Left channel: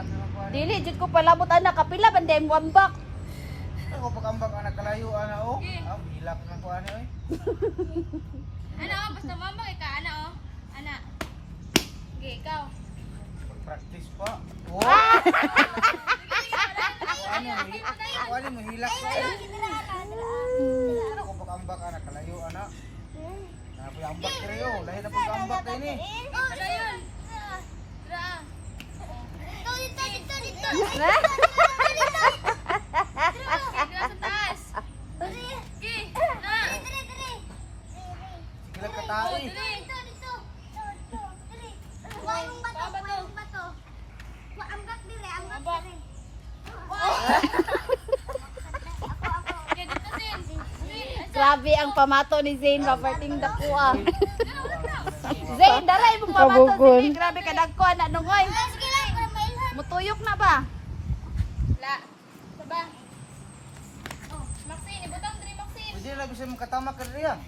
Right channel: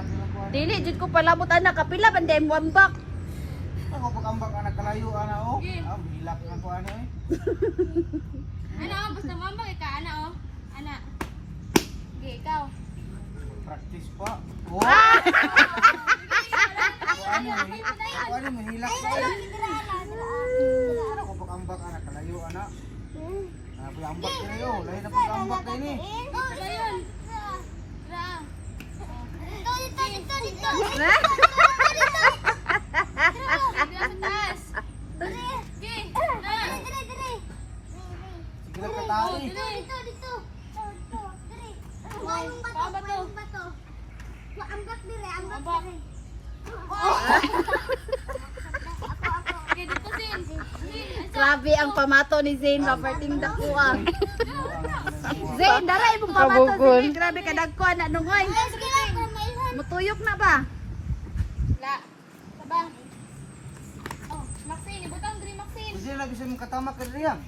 hilak lang ko ano. Dili jud ko palabot anak kapila banday mo ambak. Ako pag-ambak anak kalayo ana oh. Hilak lang ko ano eh. Ano, basta mambag ka, ana oh. Ana. Okay, ikaw. Practice pa. Oh. Ano mo hilak na eh. Ako pag-ambak anak kalayo ana. Ano po ambak kayo? Lahi na pag-ambak kayo ni. Tara yun. Tara. Dito. Dito sa taas. Okay, na. Sige lang katay. Okay, dito sin. Grabe ang pamato ni Zane Roberting Dakuha. Zane, daray mong pamato sige. Grabe ka dagko anak nungoy. Mutuyok na ba? La. Saba. Oh, Maxine, ibutang diri Maxine. Hindi na bisa mong katama ka riyan.